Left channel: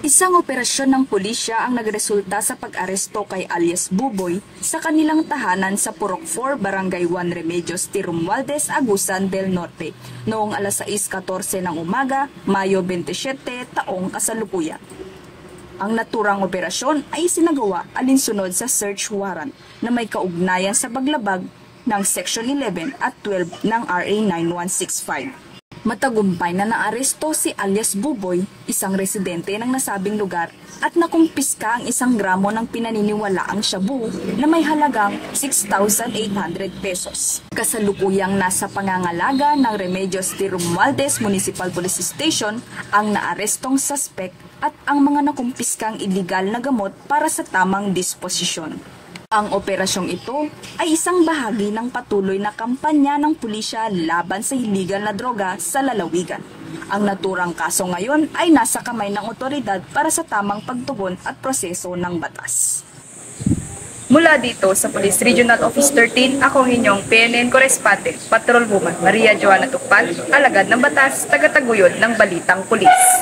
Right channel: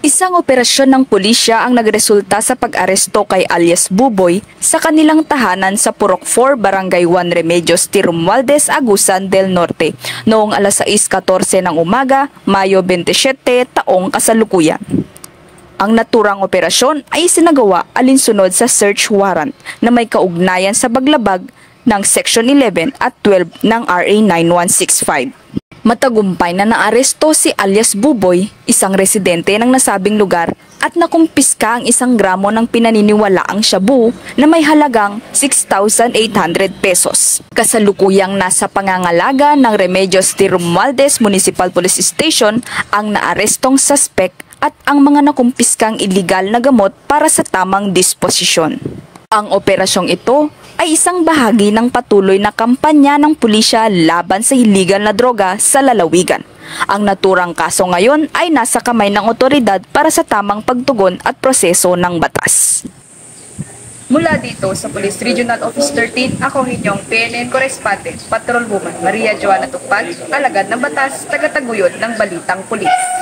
Isang operasyon ng pulisya ang nagresulta sa pag-aresto kay alias Buboy sa kanilang tahanan sa Purok 4, Barangay 1 Remedios, T. Romualdez, Agusan del Norte noong alas 6:14 ng umaga, Mayo 27, taong kasalukuyan. Ang naturang operasyon ay sinagawa alinsunod sa search warrant na may kaugnayan sa paglabag ng Section 11 at 12 ng RA 9165. Matagumpay na naaresto si alias Buboy, isang residente ng nasabing lugar, at nakumpiska ang 1 gramo ng pinaniniwalaang shabu na may halagang 6,800 pesos. Kasalukuyang nasa pangangalaga ng Remedios T. Romualdez Municipal Police Station ang naarestong suspect at ang mga nakumpiskang iligal na gamot para sa tamang disposisyon. Ang operasyong ito ay isang bahagi ng patuloy na kampanya ng pulisya laban sa iligal na droga sa lalawigan. Ang naturang kaso ngayon ay nasa kamay ng otoridad para sa tamang pagtugon at proseso ng batas. Mula dito sa Police Regional Office 13, ako inyong PNN Correspondent, Patrol Woman Maria Joana Tukpan, alagad ng batas, tagataguyod ng Balitang Pulis.